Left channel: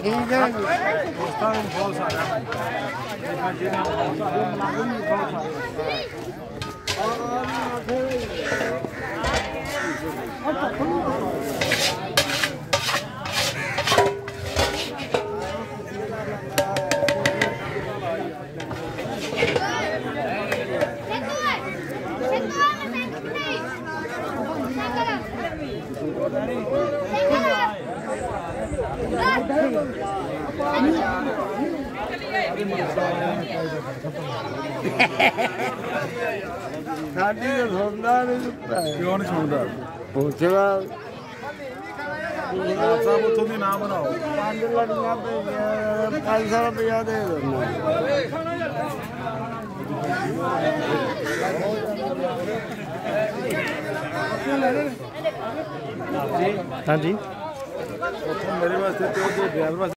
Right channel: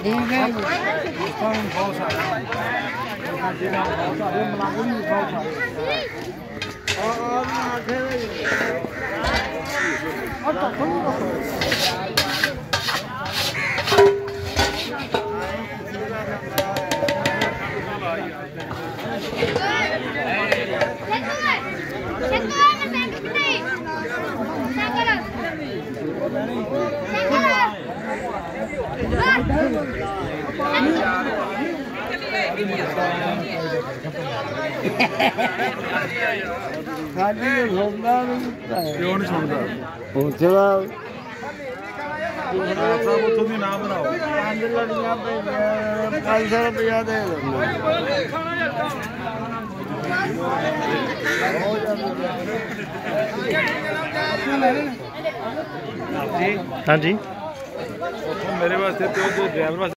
ठीक है दोस्तों में बहुत सारा जिन्हें बहुत सारे मुलाजिम भी बहुत साड़ी को छोड़ना नहीं सकता है क्यों नहीं छोड़ता पूछना सब तुम ही ना बनाओ 5 लड़ियां पे 500 रुपया दे दो हाँ जी मेरे वास्ते तो ड्राइवर